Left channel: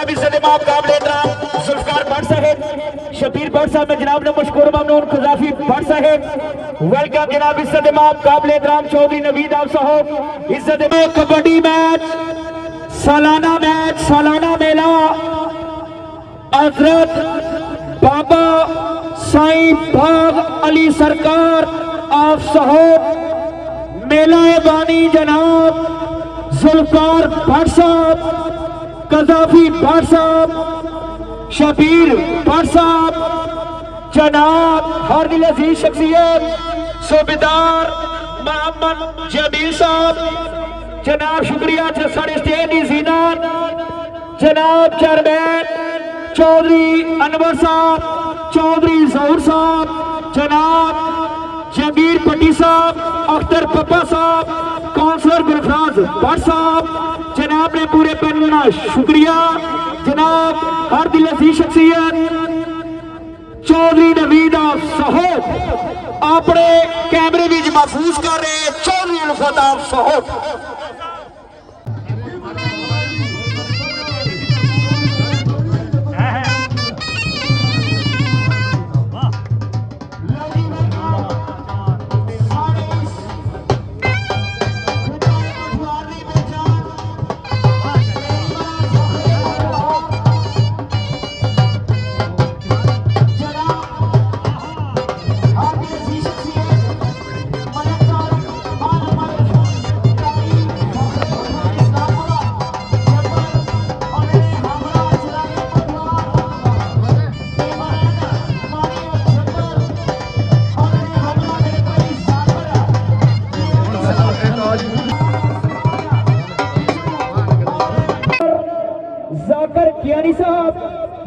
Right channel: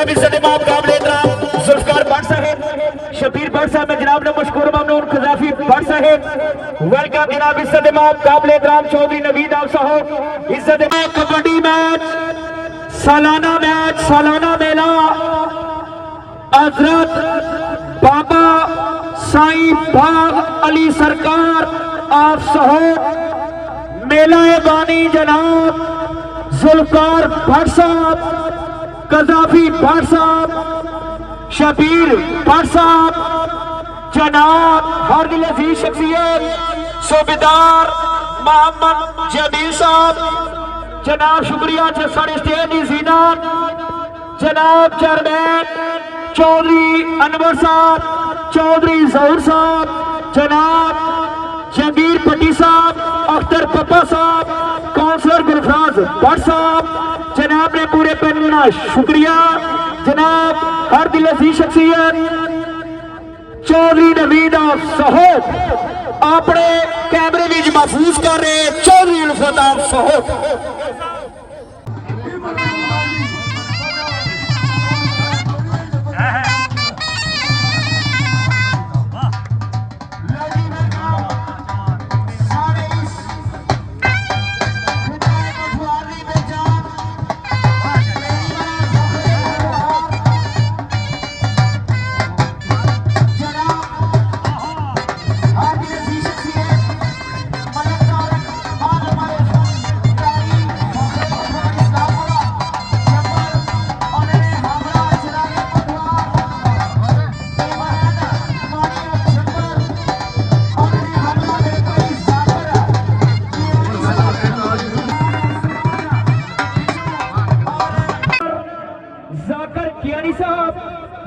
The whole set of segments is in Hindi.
जनाब इज्जत इमाम काबिल एहतराम जुल्फकार भट्ट साहब, शबीर भट्ट साहब, जनाब ने मशकूर ममनून खजाफी भट्ट साहब, वेलकम जनाब इज्जत इमाम काबिल एहतराम चौधरी नवीद आप साहब। इज्जत इमाम कबड्डी मैच, सालाना मैच, सालाना मेला हजरत बाबा साईं बाग अली सरकार आप साहब, मेला बानी जनाब जुल्फकार भट्ट साहब, कजाफी भट्ट साहब, शबीर भट्ट साहब, जनाब हर दिल अजीज शख्सियत सूबेदार मोहम्मद जमील साहब, जनाब शुक्रिया साढ़े स्टेज की जीनत जनाब चेयरमैन चौधरी अनवर साहब, चौधरी जहूर साहब, जनाब जहांगीर भट्टी साहब, अख्तर पप्पा साहब, काउंसलर गुलफराज भट्ट साहब, जनाब ने पूरे पैनल का शुक्रिया। जनाब हर दिल अजीज शख्सियत चौधरी नवीद साहब अपने कैमरे में महफूज कर रहे चौधरी उल्फत साहब।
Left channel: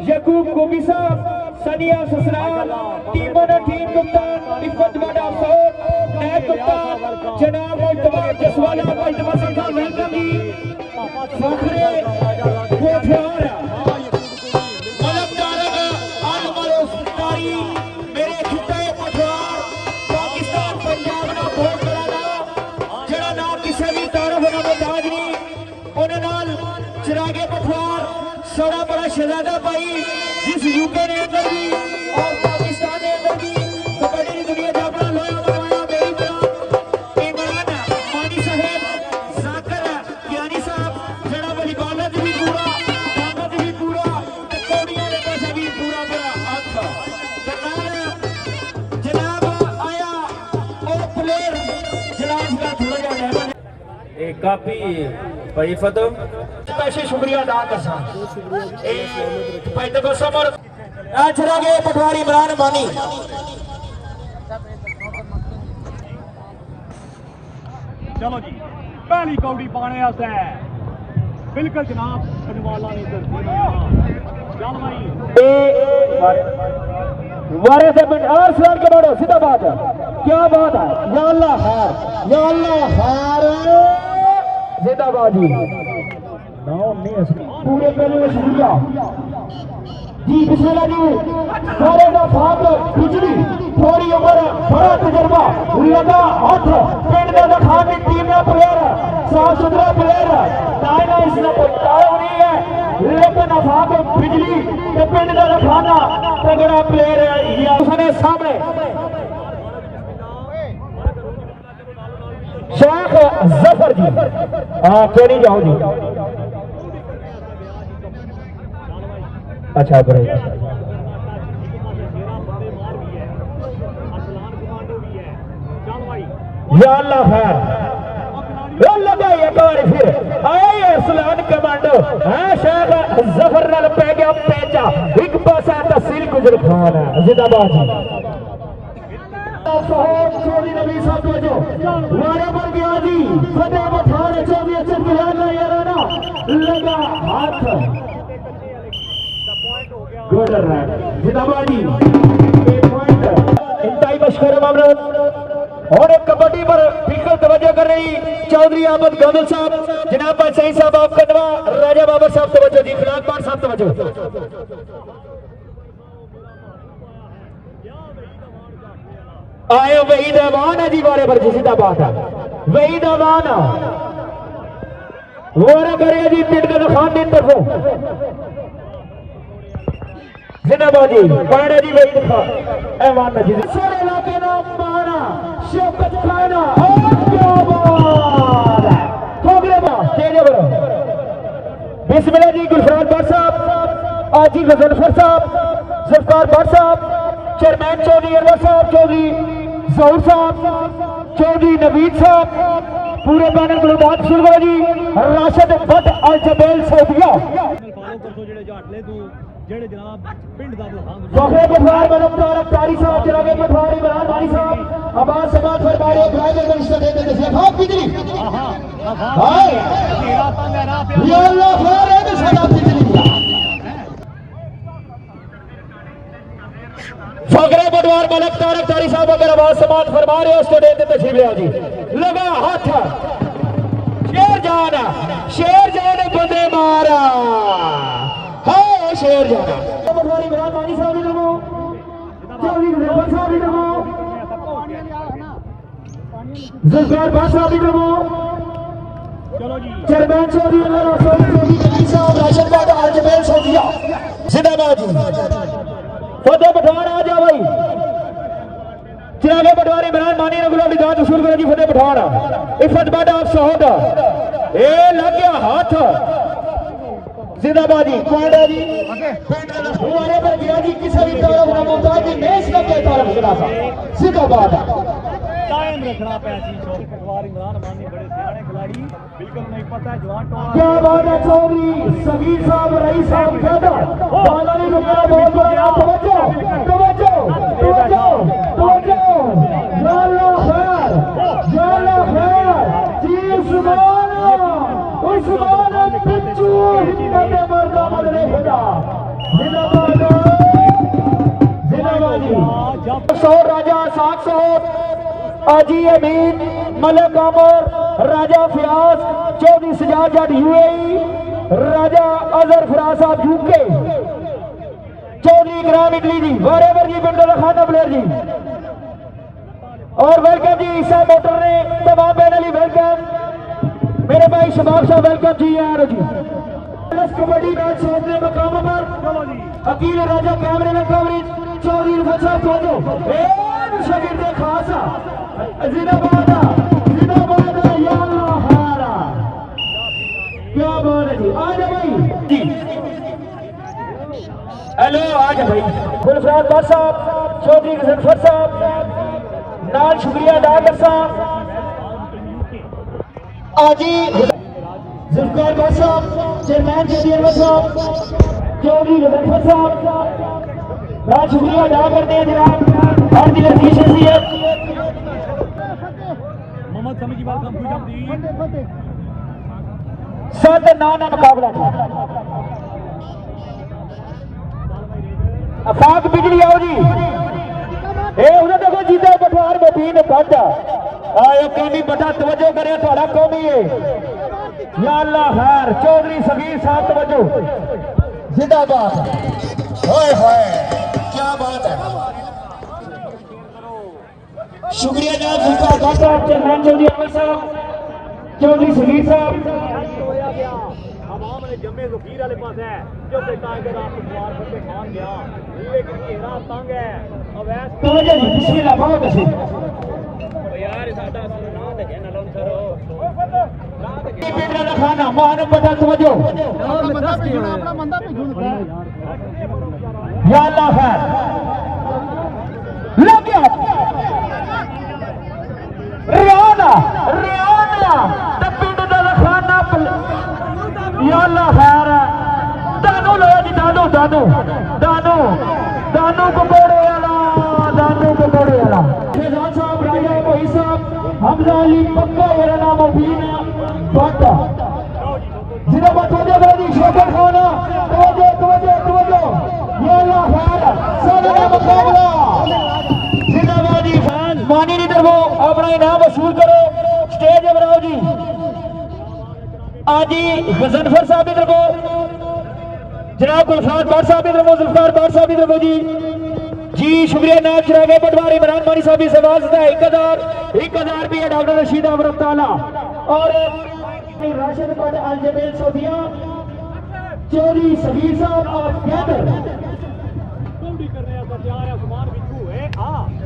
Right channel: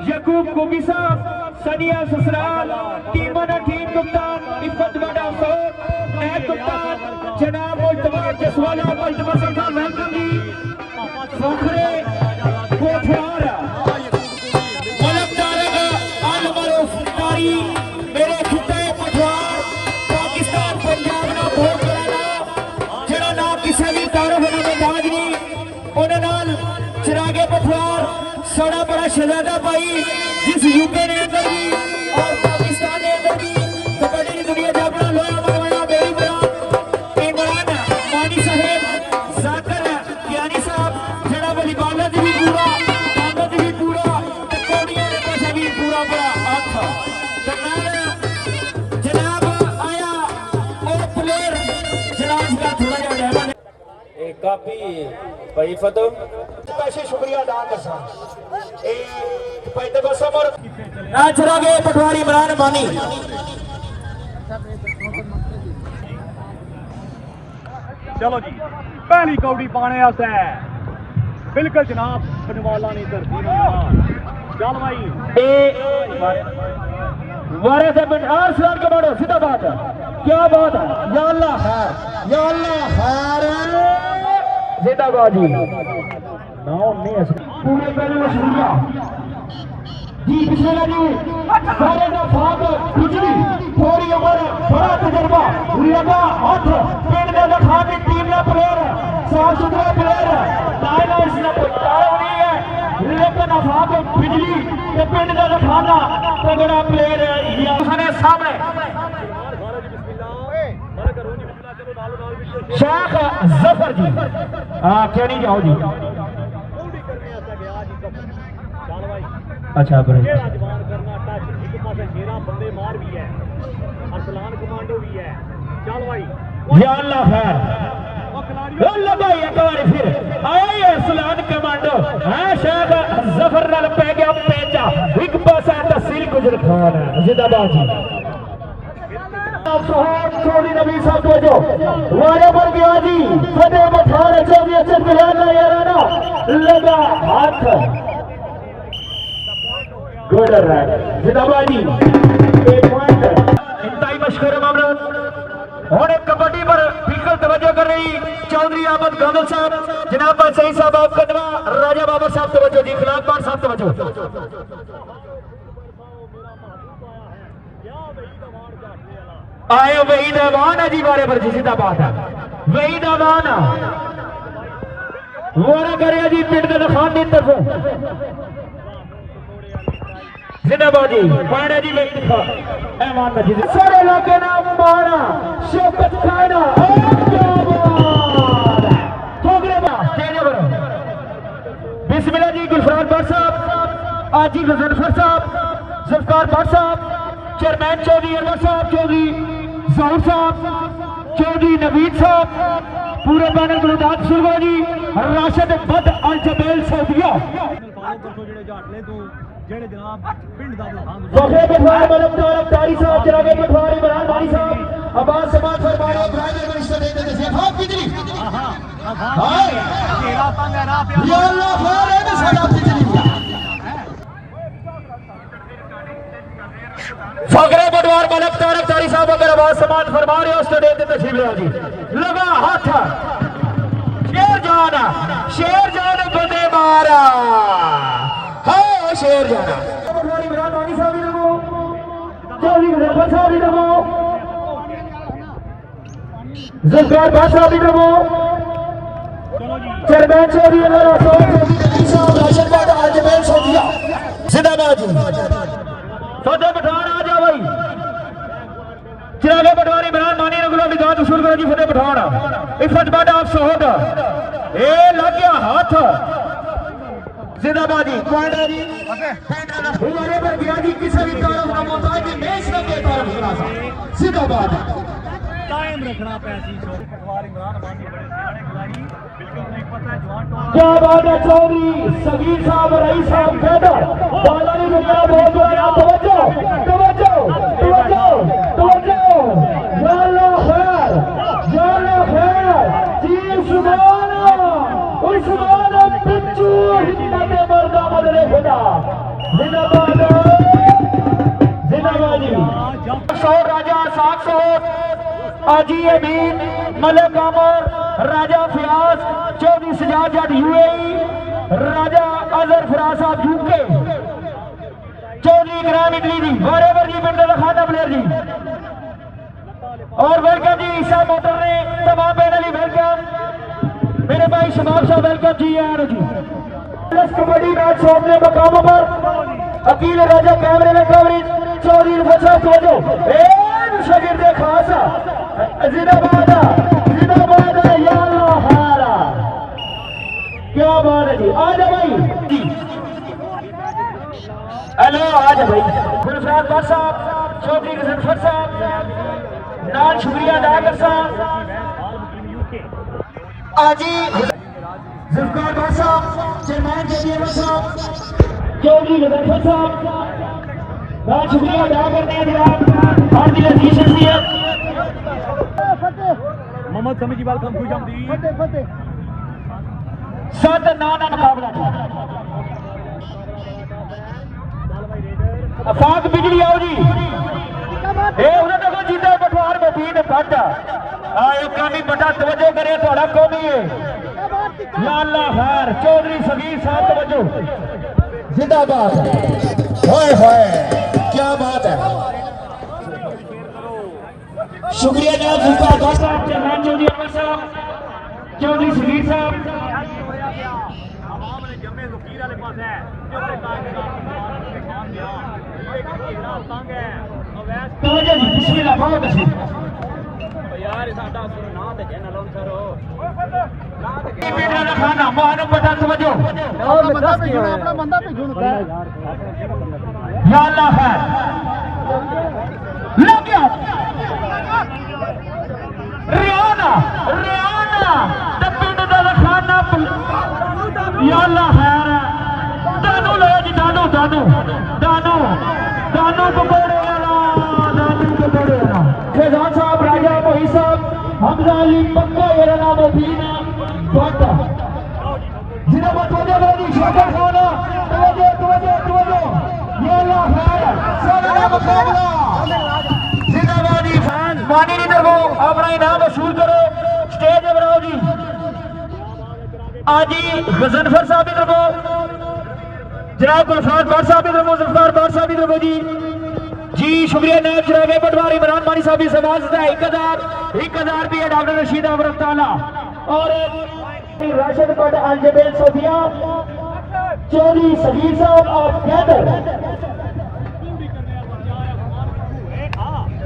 यकूब गोगी साहब, सनिया ससराल, टीमों ने टीम कप्तान इफ्फत वाडा अफसोस, नायब कप्तान जनाब मुल्तबा जसवाला मुल्तबा सरकार वेलकम जी, फखरे कोठवार मलकदारा का आलमरो फुटारी मेरे खुदाए पठवार पाकिस्तान पंजाब ना बहुत करना जरा ना किसी भी तारुफ ना मजाज नहीं उन्हें नाल चिरागे पठवार साड़ा बड़ा शहजादा भाई जिस यूपी ने अंदर भी और पाकिस्तान ने अंदर भी कबड्डी की दुनिया का अपना लोहा बनवाया मेरी बड़ा इमरान मानी साहब, जाकर ज्ञानी साहब, जड़ा वाली बाला जी भी पूरा, बाला जी भी पूरा, कबड्डियां ने पासा भी पूरा बड़ा अच्छा जनाब आया एक प्लेयर जनाब का थोड़ा जिहा डहना एक काफी भाई फतह पैसे शुक्रिया अदा कर पटवारी इमरान बानी। चलो जी पहली कौड़ी पाने आस्ते बिल्कुल जनाब बनवाला नी धरती चल भाई वारे से और सलाम के बारे सीधा बात है, क्या बात है, या अल्लाह खैर, या अल्लाह खैर जिंदाबाद जी पूरे पहले शुक्रिया जी बिस्मिल्लाह जी सारे का भाग बिजली थोड़ी उम्र बड़ा तजर्बा हुरियादा हथ पिंड का खान की टीम का प्लेयर साफ सुथरा प्लेयर ताना इसने टाइम नहीं है लेकिन भाग बिजली के पिंड का खाना तगड़ा प्लेयर है ये उसने सामने शेख जफर जी हां क्यों नहीं जाओ जी अच्छा बड़े या अल्लाह खैर भाई एक बार फिर आए असलान कमांडो हाँ शेख जफर नाल पै गया पेचा एक पासा तहसील गुजर जिंदाबाद जी चौधरी नबी साहब जो वारे पर गया जी फतेह पठान चौधरी अचल खिलाना याराना लगा हाथ गुड रन जिंदाबाद जी एक पॉइंट इंतहाई मशहूर मामला और एक कबड्डी पर बिल्कुल तवज्जो कर रही चौधरी अहमद गौदल साहब, जनाब सही साहब आप कदवा राजा बाबर साहब तवज्जो जी, खिलाफबार साहब तवज्जो आए वहीद अमान है जी वारे पर जी सीधा बात है वहीद अमान वो करेगा जी पिंड के खान की तरफों जिंदाबाद जी पांडे जी वेट दिखा ऐवान जी सारे इलाके ना मारा शौकत खाना और क्या बात है ठोकरे में स्टेज पर बिस्मिल्लाह जी गुलफरान भट्ट साहब आजी गजनफर साहब ज़ुल्फ़िकार भट्ट साहब चेयरमैन चौधरी अनवर साहब चौधरी ज़हूर साहब चौधरी नवीद साहब पूरे पैनल को दाद शुरू करो जी राशिद भट्ट अल जबेल सोदिया फखरे पटवार मलकदार अफ्तारी साहब जनाब पटवारी इमरान वाली साहब अब्बास समाज फरमाए ड्राइवर का रिश्ता देते थे हां बिजली हां ये अल्लाह खैर है ना सारा बिजली फखरे पटवार मलकदार अफ्तारी साहब अगर अब्बास समाज फरमा रहे हो उसको देते तशरीफ ले जी लगा हाथ शेर जान बंदे मारा हां शेर जाना पटवारी इमरान वाली साहब इधर को चौधरी गजनफर साहब इधर को ज़ुल्फ़िकार भट्ट साहब इधर को चेयरमैन चौधरी अनवर साहब राशिद भट्ट अल जबेल सोदिया जिंदाबाद जी फतेह पठान आ जा भाई चिरागे पटवारी इमरान मानी ने गुलामी दाद वसूल करो जी फतेह पठान इफ़त भट्ट आप सोहद ए लग गया हाथ जिंदाबाद जी पांडे जी हमारे पर गया जी किसी भी तरफ ना मोहताज की मेज न के तरफ खड़ा था जिंदाबाद कायम रखना पैसी पटवारी इमरान मानी बड़े सियाने खिलाड़ी बिल्कुल नहीं पता है जवान क्या बात है चौधरी सगीर साहब रईस साहब कहता बाला ने रुकना बहुत बड़ा तवज्जो तवज्जो तवज्जो तवज्जो जाना खैर जी सुभान राजा साख आजी अमीन मलिक अमर राजा फियाज चौधरी सजाद जट यूएई राजा अजहर फिराज साहब यूके चौधरी ग्राम इटली जी वरेवर जी पिंड खाना बलेर जी और वेलकम जी ईसा मोटर ने तमाम पैनल वेलकम मेरे भाई शबाब शाह वेलकम जी यार जी कबड्डी मैच सामने मकामों पर अकील राजा कैमरे में कवरेज चौधरी फसा खोजो शगिर दे खासा जिंदाबाद या अल्लाह हारा क्या बात है जी आ जा भाई जी हेलो आ जा भाई गुलफरान भट्ट साहब चौधरी गजनफर साहब नाल शुक्रिया अदा कर साहब आजी ज़ुल्फ़िकार भट्ट साहब चेयरमैन चौधरी अनवर साहब चौधरी गजनफर साहब बहुत शुक्रिया अदा करते हैं जनाब हर दिल अजीज शख्सियत मोहम्मद समी की बात हम खुश आमदी सात ना मुकाबला फाक बिजली आओ जी ए उन्हें देखो जीता पटवार में तीन काटा आयो कामी बड़ा तवज्जो करे थोड़ा कौमी है या अल्लाह खैर चौधरी सगीर साहब तवज्जो जिंदाबाद होए होए क्या बात है शुक्रिया जनाब ज़ुल्फ़िकार भट्ट साहब चेयरमैन चौधरी अनवर साहब चौधरी सगीर साहब हमारे जम्मे वकील वाले पास है जो सरकार के नाम के खान गया ये घेरा तंग है अवैध तवज्जो जी बिस्मिल्लाह बहुत अच्छी यार साडा नाम ते जन लोन सरो बेटा का खाना मानो बता तवज्जो अपना बंदा भेजो या अल्लाह खैर लग गया रियाना पिंड दा खाना या अल्लाह खैर दानो ले जी दानो पकोड़े वाला फैजान साहब राजा मोही साहब हमजा अली पक्का मेरा नाम मुबीना भट्ट जिन्हें बतौजे मेरी छोटा खाना तवज्जो ये अल्लाह खैर सारा मुकाबला जिंदाबाद जी फैंस मानी लीडर को अपना इनाम वसूल करो स्टेज पर आओ जी आजी गजनफर साहब इधर को जनाब गुलफरान भट्ट साहब इधर को ज़ुल्फ़िकार भट्ट साहब इधर को जी शुक्रिया नायब चिरागे पटवारी इमरान मानी साहब की सवाल है 1000 रुपये डॉक्टर रशीद अमरत ताला और राशिद भट्ट अल जबेल सोदिया चौधरी सगीर साहब ऑफ कैदर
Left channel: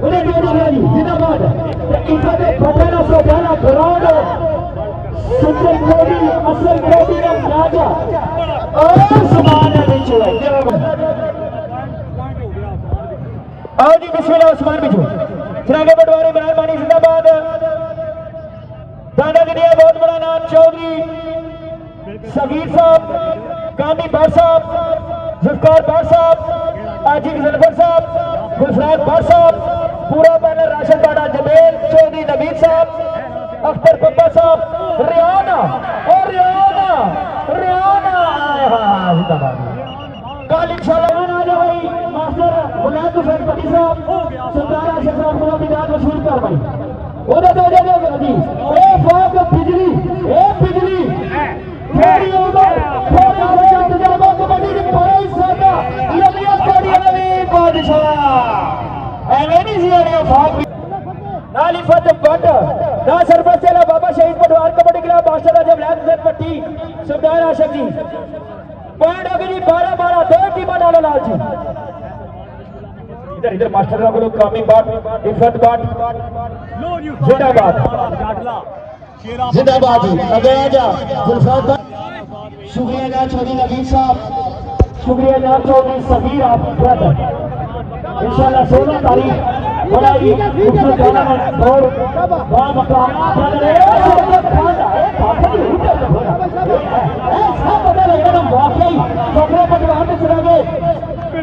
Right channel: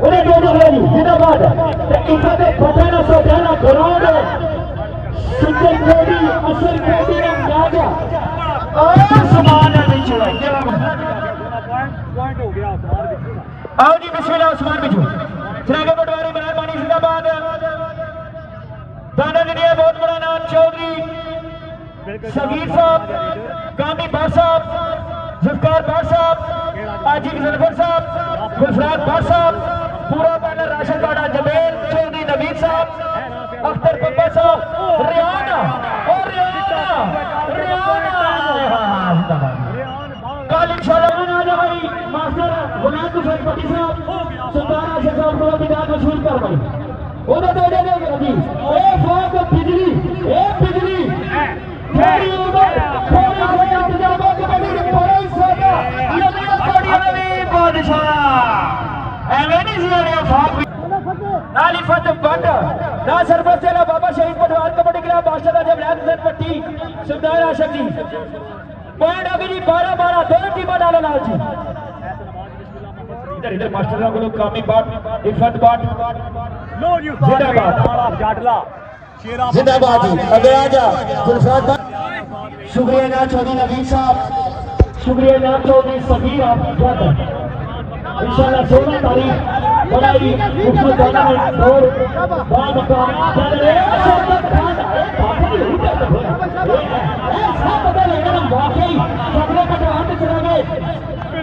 ਉਹਨੇ ਦੋ ਜਗ੍ਹਾ ਜੀ ਜਿੰਦਾਬਾਦ ਤੇ ਇਹਨਾਂ ਦੇ ਫਟਣਾ ਸੋਧਣਾ ਗਰਾਊਂਡ ਸੁਪਰ ਕੋਡੀ ਅਸਰ ਕੋਡੀ ਨੇ ਮੈਚ ਆਸਮਾਨ ਵਿੱਚ ਪੁਆਇੰਟ ਹੋ ਗਿਆ ਉਸਮਾਨ ਵਿੱਚ आओ जी बिस्मिल्लाह उस्मान बिजू चुनागे पटवारी इमरान मानी जिंदाबाद दादा गिरिया बहुत बड़ा नाम चौधरी सगीर साहब कामी बार साहब जुल्फकार बार साहब आजिम जलफर साहब गुलफराज बार साहब पूरा बैनर राशिद बाड़ा जमेल चौधरी नवीद साहब अख्तर पप्पा साहब रियाना और रियाना कल इंशाल्लाह बना जाओ भाई मास्टर गुलाम हुसैन पट्टी साहब सरदार आशिफ साहब को बिदात मशहूर कर भाई ओदा दे दे जी ए फौज बिजली ए बिजली इंतजाम कमेटी की पहली सेना यमिया कोड़ी नवी बादशाह एवें नहीं सी आनी फाक नाली फतेह बंद ना सरपंच चला बाबा शहीद पटवार कबड्डी क्लब मास्टर आजम लाल हुसैन पट्टी सरदार आशिफ जी पॉइंट अभी 12-12 दो टीम डालो लाल जी इधर इधर मास्टर लोगों को कामी बाट डिफरेंट बाट लो जी जिंदाबाद जाटला जिंदाबाद जी अंग्रेजा गुलफराज शुक्रिया जनाब चौधरी नवीद साहब शुक्रिया जनाब चौधरी सगीर आप इंशाल्लाह 16 तारीख बड़ा ही खूबसूरत टूर्नामेंट और बाल मकाम चल रहे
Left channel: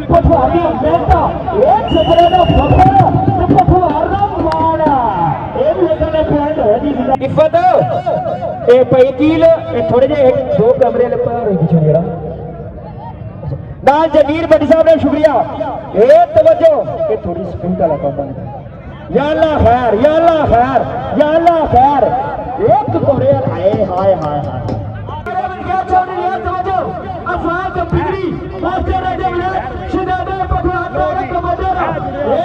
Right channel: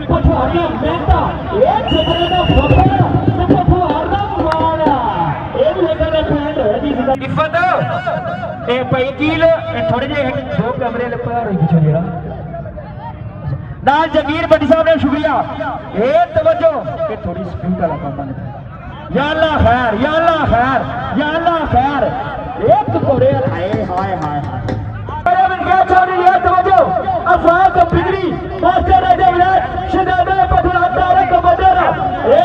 पटवारी मेहता एक सजरे का इफत ए पई कील थोड़े जे दो कमरे लपा रही किचो जरा नाल जगीर भट्टी साहब ने शुक्रिया ए तवज्जो के थोड़ी स्पिन का लगा बन या अल्लाह खैर या अल्लाह खैर या अल्लाह खैर एक टुकड़े हाय हाय हाय अरे मैं क्या चाह रही है तवज्जो अफराद बिगड़ी मास्टर राजा विलास शहजादा पटवार तारक कमांडर ए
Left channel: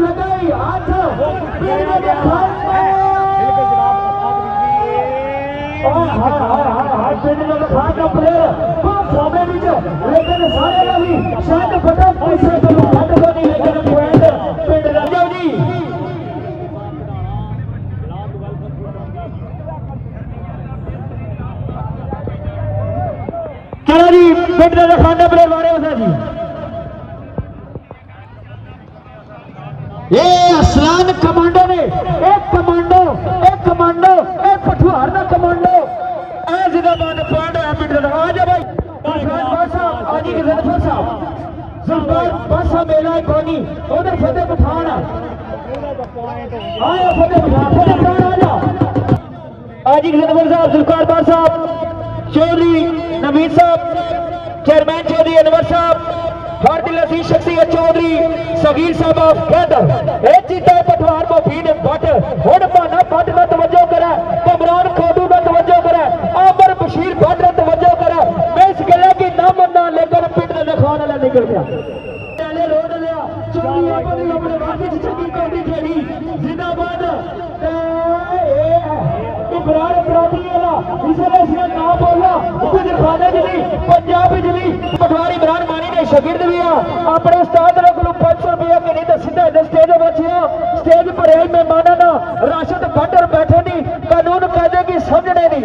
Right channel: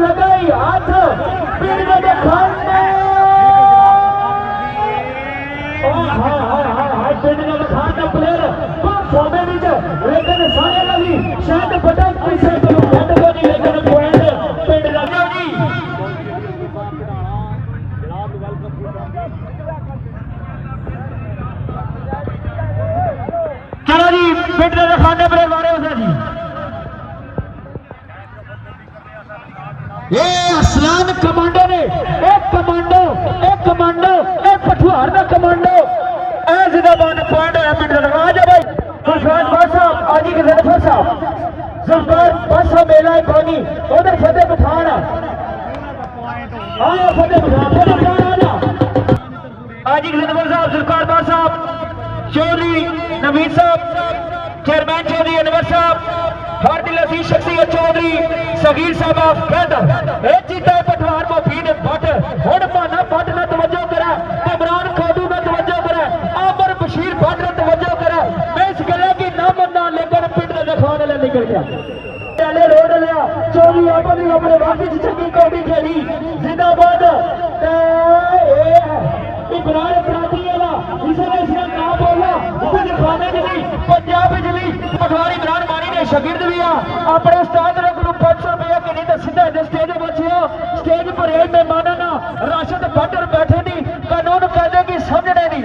लगाई हाथ पीने के खाने पीने के खाने प्लेयर सामने नीचे लेकिन सारे वाली शायद फटा पैसे तो हट को नहीं लेकिन पॉइंट पिंड राजा जी जनाब वेलकम चलो जी पिंड राजा खाने प्लेयर मारे बता जी ये असलान कमांडो ने एक कमांडो एक पठुआर का कमांडो ए जिंदाबाद पॉइंट है पिंड राजा आ जा भाई गुलफराज बार साहब आजी के जलफर साहब जुल्फकार बादशाह मेला पानी उधर फतेह पठान हाँ फतेह पठान आजी के जलफर साहब जुल्फकार बार साहब चौधरी नवीद साहब चेयरमैन चौधरी अनवर साहब हर दिल अजीज शख्सियत चौधरी सगीर साहब आप कहता ए चीता पटवार मुफीद बट हुन माना बट दा तवज्जो करा कमरान खोडू दा तवज्जो करा आमर बशीर बट दा तवज्जो करा मैं इस गले की ना मन्ना लेकिन पिंड दे खाने ला निकल गया पहले रोड लिया चौधरी अपने वापस चंगी कौड़ी खेली जिंदाबाद ते इब्राहिम अपराधी वाला इसने इसका नाम बोला ऊपर खाने जली पंजाब जली पटवारी इमरान मानी ने शागिर्द भी अपने उस्ताद ने को 500 रुपया के नहीं तो सीधे स्टेज बचे स्टेज पर एक मेहमाना ना राशिद बटर बैठे नहीं कानून कायदे की समझने नहीं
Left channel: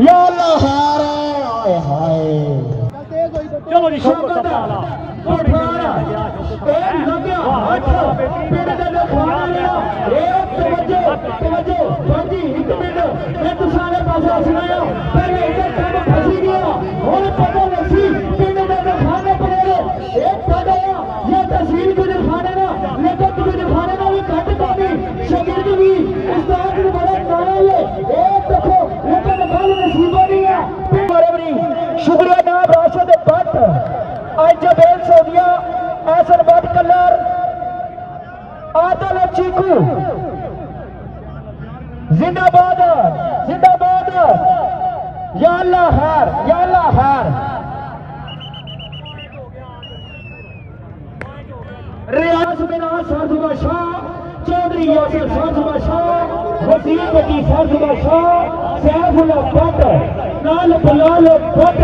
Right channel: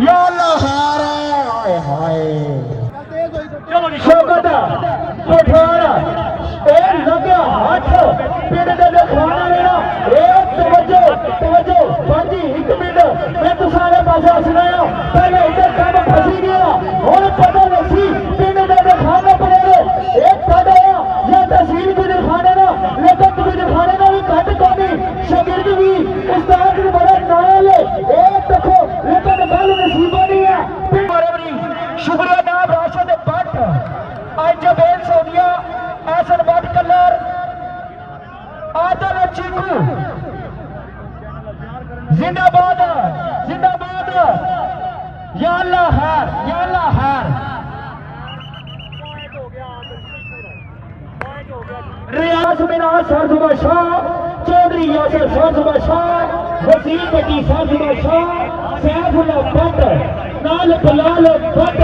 या अल्लाह हाय हाय चलो जी शौकत पठान ए लगा हाथ पिंड दे खाना लेना एक तवज्जो बाजी 1 मिनट मैं तो सारे पासे सुनाया पहले इधर काम फसी गया और पता लगी पिंड दे खाना पड़े एक पता या तहसील को दिखाने ना लेकिन तुझे दिखाने ना भी घट कमी शागिर्द भी उस्ताद भी बड़ा नाल एक देखो लेकिन गल नसीबा नहीं है शुक्रिया नाम राशिद भट्ट जबेल सोदिया ऐसन भट्ट कलर आदल चीकू जिंदाबाद जिंदाबाद या अल्लाह खैर या अल्लाह खैर पॉइंट हो गया रियाज मिनाज सरजुबा शाह, चौधरी यासिर सरजुबा शाह, वसीम बटी सरजुबा शाह, सैफुल्लाह भट्ट, नाल बलाल भट्ट,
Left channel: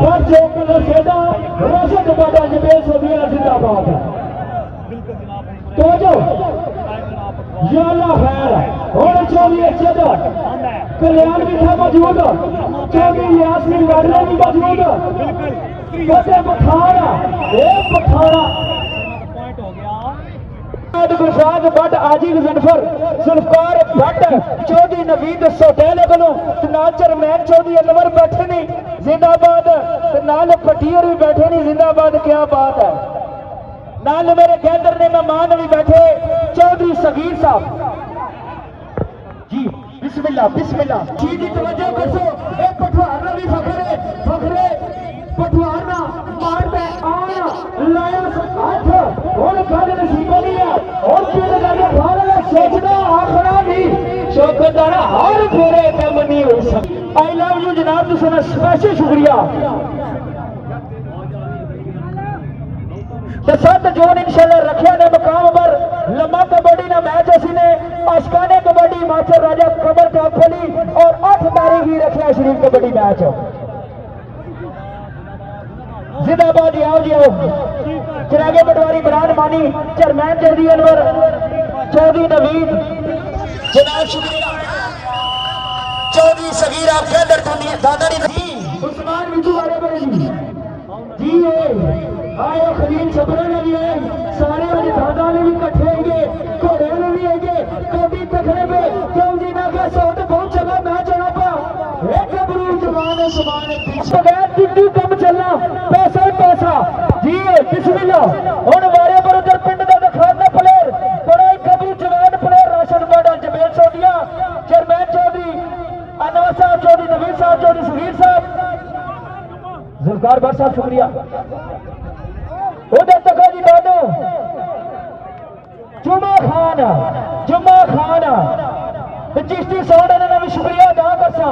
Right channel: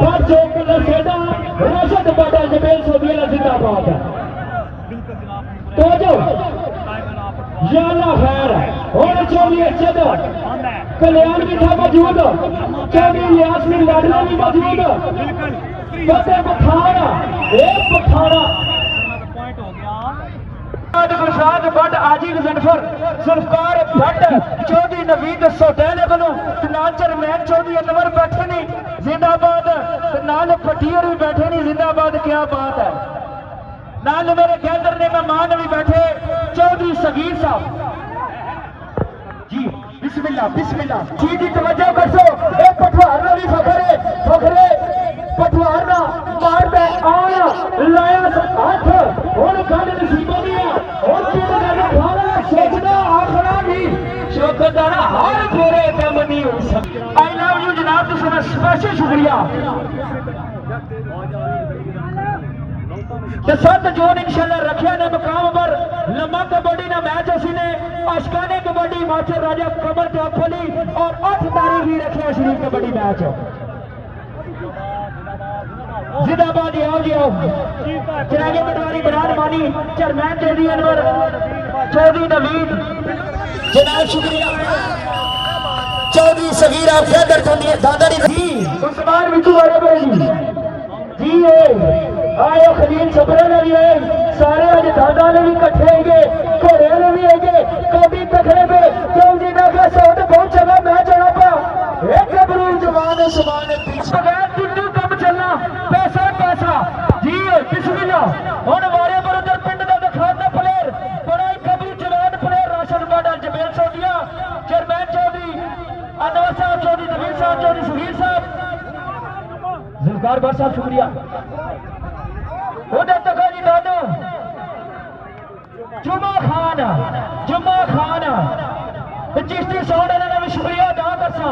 भट्ट जोकल सेदा, रशद बटा जबेल सोबिया जिंदाबाद। तो जो याला खैर और चौधरी चदर कल्याण भी था मौजूद, चौधरी यासिर लड़ना भी मौजूद, फतेह पठाना एक पठाना गुलशाद भट्ट, आजी जनफर, जुल्फकार भट्ट, चौधरी नवीद सोटेल को चेयरमैन चौधरी अनवर बैठे नहीं जिंदाबाद, नाल पटियर भी बैठे नहीं जिंदाबाद। क्या बात है, नाल मेरे केंद्र ने मेहमान भी बैठे चौधरी सगीर साहब जी। बिस्मिल्लाह बिस्मिल्लाह जी दी तवज्जो कर सो। एक पठवार ना भी फखरे फखरे पठवार ना मार दे आया लाया हाथ और गल नसीबों दी और पीर गल खाना सोचना आखना भी शौकतदार हर पूरे काम नहीं हो सकता। आई लव यू जनाब, तुसां दा स्पेशल शुक्रिया। 7 जून इंशाल्लाह रखिया ने मुकाम पर लम्मा कबड्डी ना मैच असी ने अशकाने कबड्डी हिमाचल राजा कमर टापली और 8 तारीख ही रखिया शरीफ कबड्डी मैच। जिंदाबाद जी, आओ जी आओ। चिरागे पटवारी बिरान मानी, चेयरमैन चौधरी अनवर, चौधरी नवीद जनाब शुक्रिया, चौधरी सगीरा फैदर चौधरी दादारी जी, उस्मान बिट्टू वाले बड़े जी आए खलील छबरे ने भी आए, सारे आज दादा ने भी कट्ठे आएंगे, घोड़े ने भी आएंगे, कभी तखड़े पे क्यों जी ना का शॉट बहुत जगह मैच होना पा एक गबरू जवान समान बगैर टुट्टू कम चलना पैसा पैसा जी। बिस्मिल्लाह और वारे पर उधर पिंड का दिखाना प्लेयर बड़ा ही गबरू जवान प्लेयर राशन बाडल जबेल सोडिया, चेयरमैन चौधरी अनवर साहब, चौधरी नवीद साहब, चौधरी सुहीर साहब, जुल्फकार भट्ट साहब शुक्रिया। उधर तक जी दादो जुमा खान चिश्ती साउंड भी शुक्रिया अदा करसा।